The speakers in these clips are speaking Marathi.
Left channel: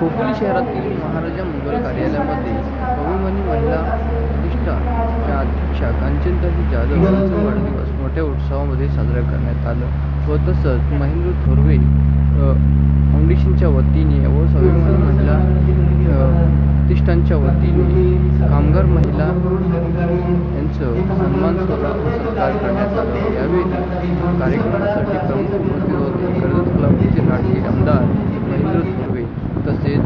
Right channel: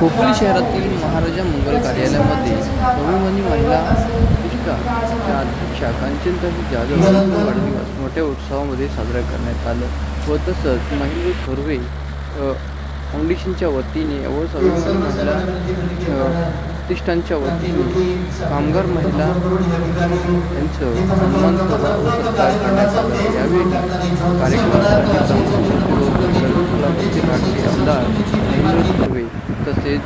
खोपोली शहरातील महाराजा मंगल कार्यालयामध्ये अभिमानी महिला प्रतिष्ठानच्या अध्यक्षा कांचनताई जाधव यांचा वाढदिवस मोठ्या उत्सवामध्ये साजरा करण्यात आलं व तसंच महेंद्र थोरवे फाउंडेशनच्या वतीने व स्वाभिमानी महिला प्रतिष्ठानच्या वतीने कामगार महिला यांचं सन्मान सोहळा व सत्कार करण्यात आला. यावेळी कार्यक्रमासाठी प्रमुख क्लबचे आमदार महेंद्र थोरवे तसेच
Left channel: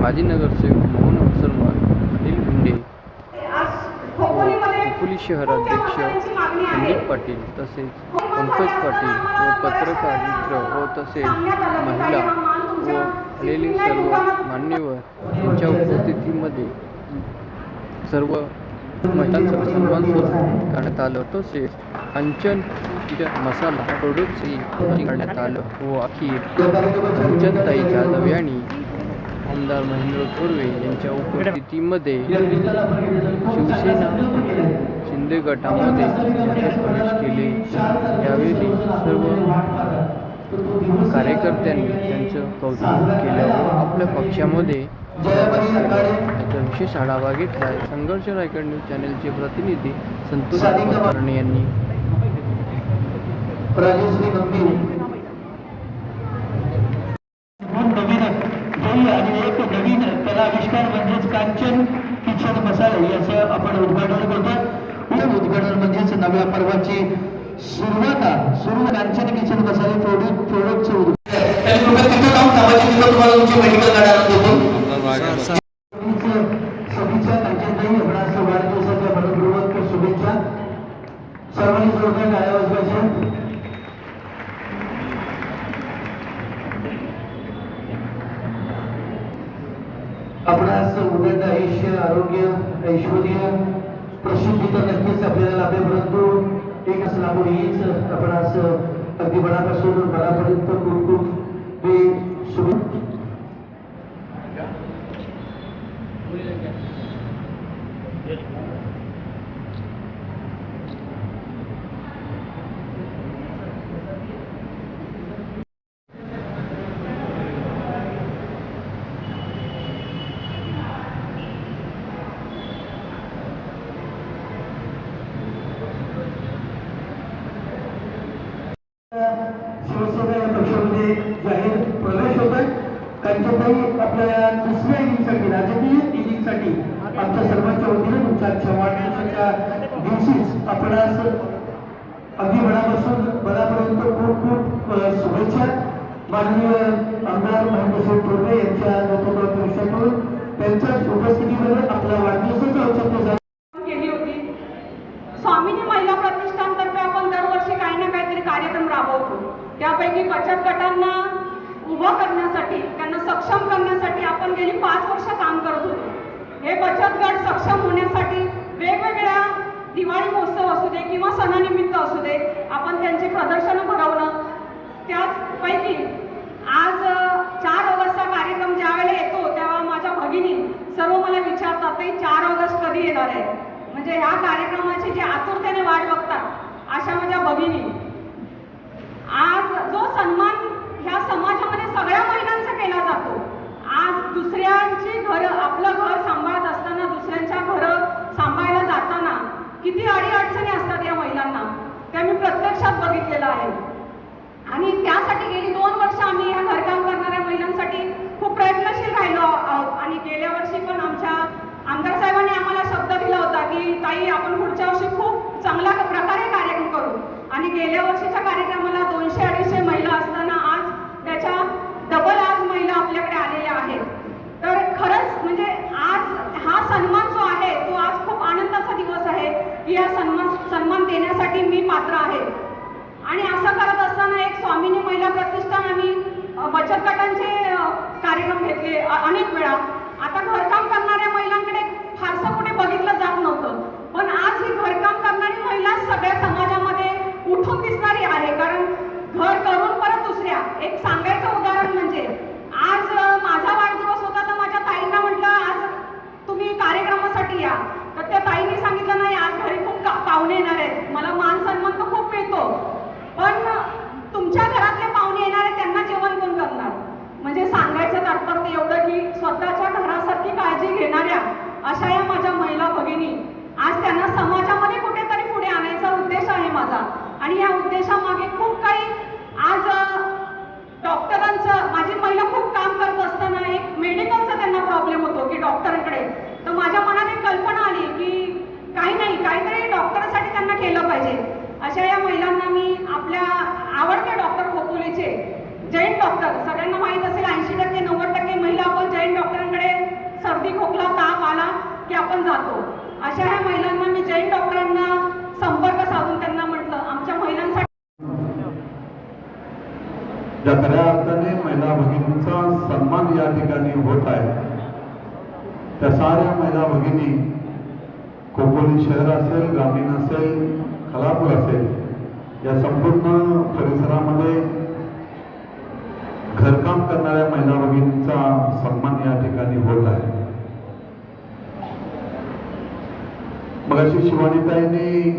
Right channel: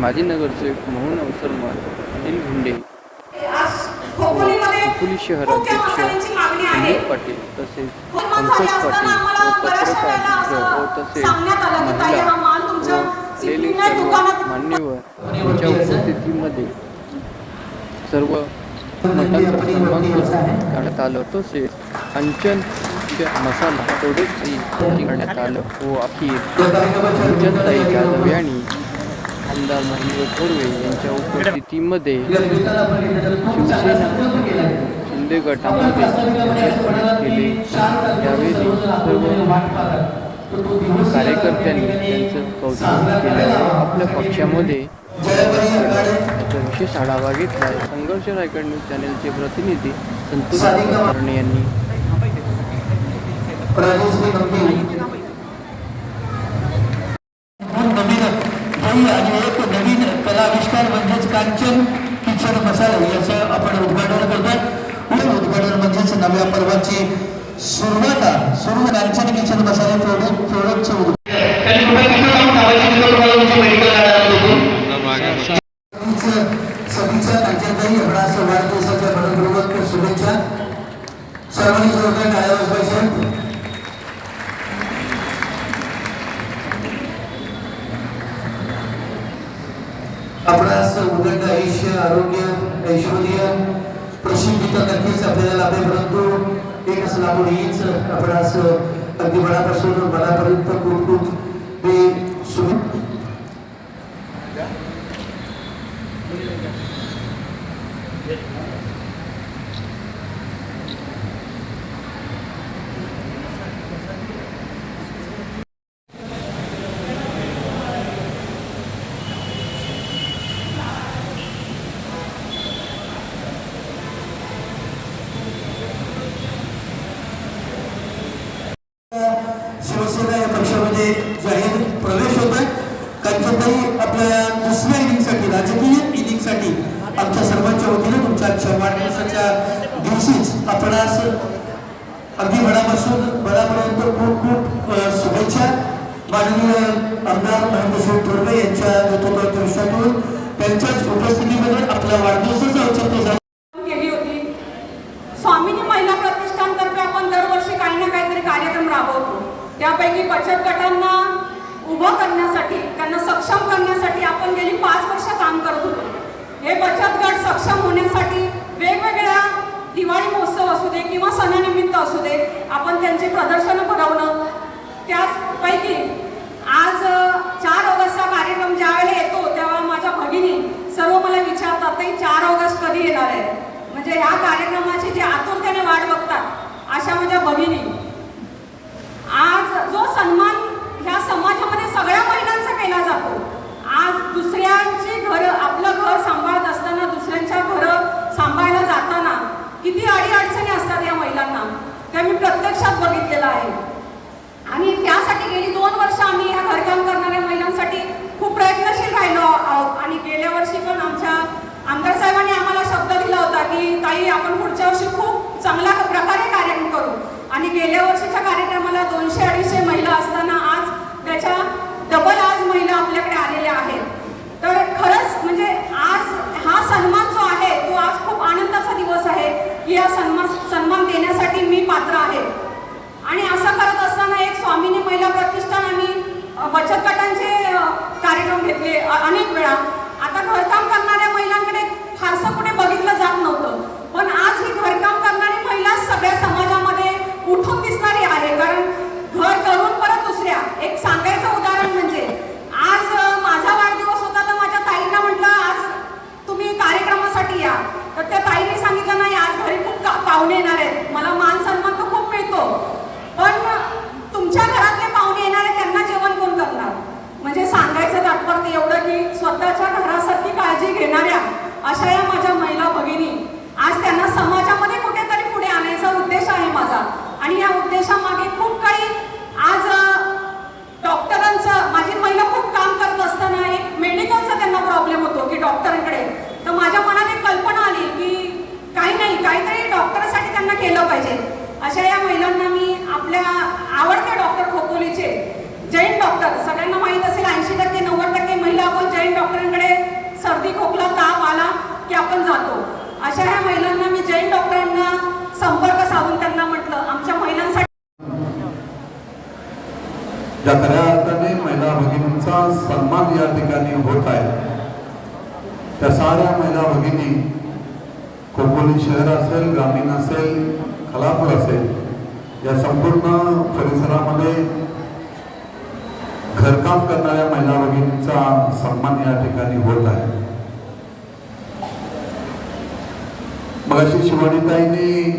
माजी नगरसेवक मोहन अवसरमान अनिल गुंडे खोपोली शहराध्यक्ष संदीप पाटील तसेच पंकज पाटील व पत्रकार मित्र व तसेच महिला व आलेले सर्व मान्यवर यांच्या उपस्थितीमध्ये सर्व मठांचा सन्मान करण्यात आलं. तसेच कांचन मसाला प्रोडक्टही करण्यात आलं व अखेर कांचनताई जाधव यांनी आमदार महेंद्र थोरवे यांच्या उपस्थितीमध्ये शिवसेना शिंदे गटामध्ये प्रवेश केले यावेळी सर्व कार्यकर्त्यांनी त्यांचं कौतुक केलं व आपल्या पक्षामध्ये स्वागत याचा विशेष आढावा घेतला संघर्ष रायगड न्यूज चॅनलचे प्रतिनिधी संतोष तरणे यांनी नवीन ध्येय आणि एक नवीन कलाविष्कार म्हणजेच कांचन किचन मसाले याचं आपण उद्घाटन करतो. हे उद्घाटन म्हणजेच नव्या पर्वाची सुरुवात आहे. सुरू कांचन किचन मसाले प्रोडक्ट प्रोडक्टचे सभेच्या आपणास उदंड आयुष्य आरोग्य ऐश्वर्य प्रसिद्धी तर नक्कीच आपल्याला लाभेल परंतु एकच लाभून हीच आपणास अगदी मनापासून मनापर्यंत खूप खूप मी शुभ शिवसेना या पक्षामध्ये जाहीर प्रवेश होत आहे कांचनताई आपल्या दुसऱ्या इनिंगसाठी राजकीय इनिंगसाठी आमच्या सर्वांच्या वतीने तुमच्या आजच्या वाढदिवसाच्या दिवशीच आपण आज अगदी मनापासून मनापर्यंत खूप खूप शुभेच्छा. माननीय आमदार महेंद्रसिंह ठोरवे यांच्या नेतृत्वातून त्यांच्याच उपस्थितीमध्ये आपला वाढदिवसाचं औचित्य साधून केली होती स्वामीनी महिला प्रतिष्ठानतर्फे आपण दरवर्षी काही ना काहीतरी कार्यक्रम राबवतो त्यापैकी बचत गटांना उभा करण्यासाठी त्यांना सक्षम करण्यासाठी आपण गेली पाच वर्ष काम करत होतो. हे बचत गट सक्षम होण्यासाठी वेगवेगळ्या दिवाळी महोत्सव असू दे किंवा सणानिमित्त असू दे आपण त्यांची प्रदर्शनं भरवणं ज्या खऱ्या अर्थाने महिला भगिनींचा सन्मान या ठिकाणी होत आहे. त्या साऱ्या महिला भगिनी खोपोली शहर असेल ग्रामीण असेल कलापूर असेल या संपूर्ण परिसरामध्ये घरकाम करणाऱ्या महिला भगिनींचा सन्मान या ठिकाणी होत आहे. मगाशी शिवानीताईंनी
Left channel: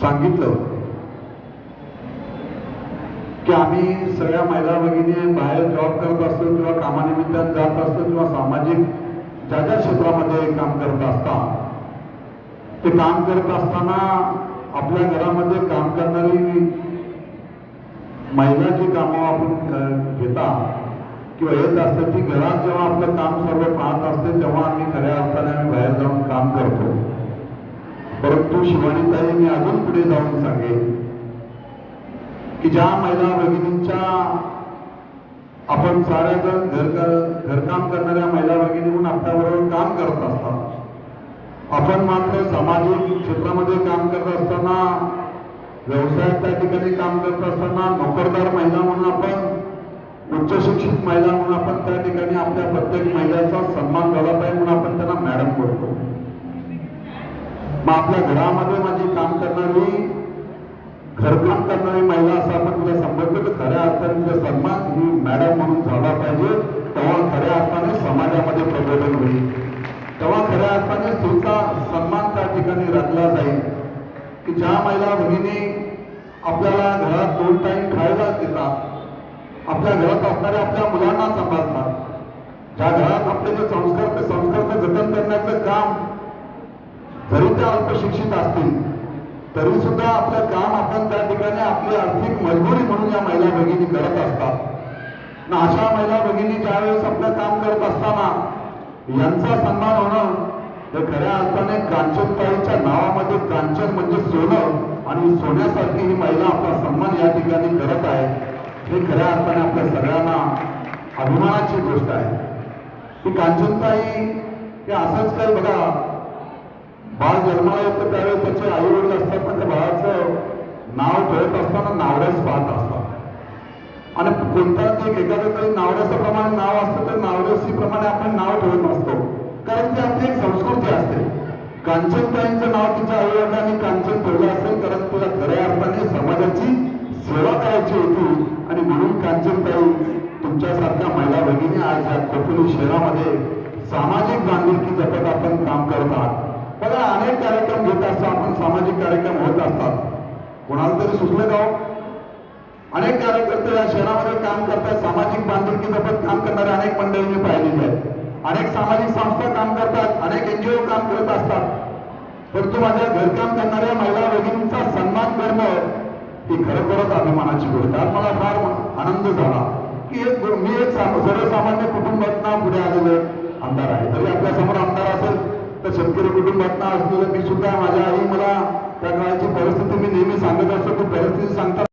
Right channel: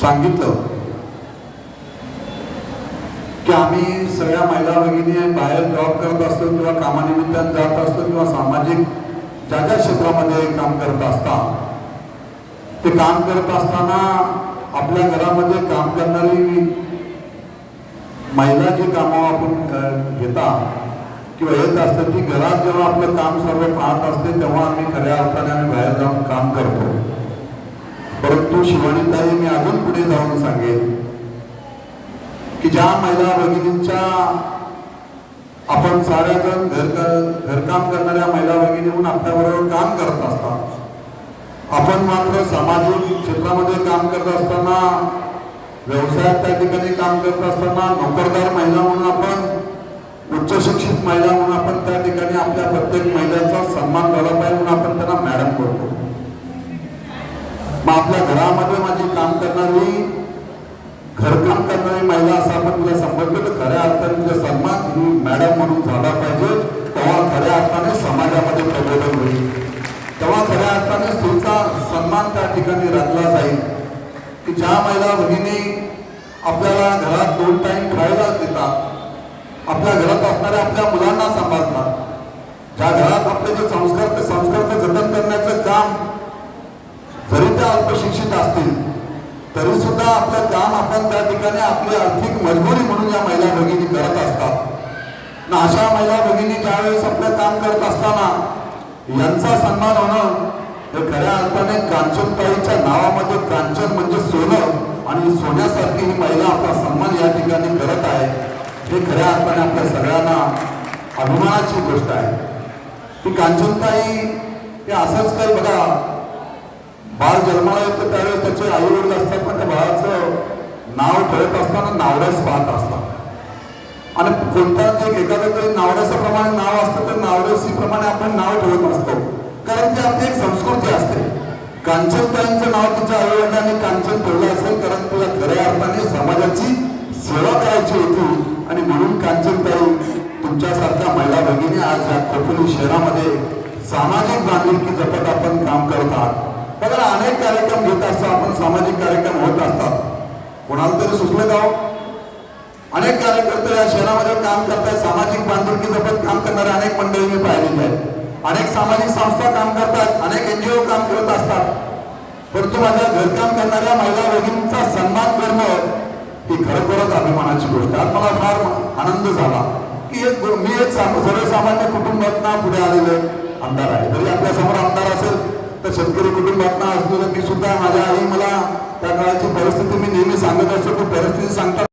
सांगितलं की आम्ही सगळ्या महिला भगिनी बाहेर जॉब करत असतो किंवा कामानिमित्तानं जात असतो किंवा सामाजिक ज्या ज्या क्षेत्रामध्ये काम करत असता. ते काम करत असताना आपल्या घरामध्ये काम करणारी महिला जी कामं आपण घेता किंवा येत असतात ती घरात जेव्हा आपलं काम सर्व पाहत असते तेव्हा आम्ही खऱ्या अर्थाने आम्ही बाहेर जाऊन काम करतो. परंतु शिवानीताई मी अजून पुढे जाऊन सांगेन की ज्या महिला भगिनींच्या आपण साऱ्या घर घरकाम करणाऱ्या महिला भगिनी म्हणून आपल्याबरोबर काम करत असतात. आपण मात्र सामाजिक क्षेत्रामध्ये काम करत असताना व्यवसायात त्या ठिकाणी काम करत असताना नोकरदार महिला म्हणून आपण उच्च शिक्षित महिला म्हणून आपण त्या ठिकाणी आपल्या प्रत्येक महिलाचा सन्मान केला पाहिजे म्हणून आपण त्यांना मॅडम करतो मग आपल्या घरामध्ये माझी काम करणारी घरकाम करणारी महिला असं आपण तिला संबोधलं तर खऱ्या अर्थाने तुझा सन्मान ही मॅडम म्हणून झाला पाहिजे तेव्हा खऱ्या अर्थाने समाजामध्ये प्रबोधन होईल तेव्हा खऱ्या अर्थाने स्त्रीचा सन्मान त्या ठिकाणी राखला जाईल की ज्या महिला भगिनी आपल्याला घरात दोन टाइम खायला देतात आपल्या घरात असणाऱ्या आपल्या मुलांना सांभाळतात ज्या घरात आपले जे संस्कार ते संस्कार जतन करण्याचं काम जरी त्या अल्पशिक्षित असतील तरी सुद्धा आपलं काम आपण त्या ठिकाणी आपली आर्थिक मजबुरी म्हणून या महिला भगिनी करत असतात ना अशा महिला भगिनी ज्यावेळेस आपलं काम करत असताना यांचा सन्मान होणं हे खऱ्या अर्थाने कांचनताईच्या नावामध्ये कांचन म्हणजे सोनं. आणि सोन्यासारखी ही महिला आपला सन्मान या ठिकाणी करत आहे. हे खऱ्या अर्थाने आपल्या सगळ्यांना अभिमानाची गोष्ट आहे. की कांचनताई हे असंच काही बघा बाळ जन्माला येतं त्यावेळेस त्याचे आई वडील असतात पण त्या बाळाचं नाव ठेवत असताना नावरस पाहत असतात. कोणता कोणत्या एखादं तरी नावरसाप्रमाणे नाव असतं तर नावरसीप्रमाणे आपण नाव ठेवत असतो. कारण की आपली एक संस्कृती असते. कांचनताईंचं नाव तिच्या आईवडिलांनी कांचन ठेवलं असेल कारण तुला खऱ्या अर्थाने समाजाची सेवा करायची होती. आणि म्हणून कांचनताई तुमच्यासारख्या महिला भगिनी आज या खोपोली शहरामध्ये सामाजिक बांधिलकी जपत आपण काम करत आहात. बघा अनेक कार्यक्रम घेत असतात आपण सामाजिक कार्यक्रम होत असतात. कोणाला तरी सुचलं गाव ही खरोखरच अभिमानाची गोष्ट आहे. मला फार आनंद झाला की एक मी एक सर्वसामान्य कुटुंबातनं पुढे आलेलं आमदार आहे. जरी आपल्यासमोर आमदार असेल तर शेतकरी कुटुंबातनं असलेलं मी सुद्धा माझ्या आई मला त्या काळाची परिस्थिती मी नेहमी सांगत असतो ती परिस्थिती सांगता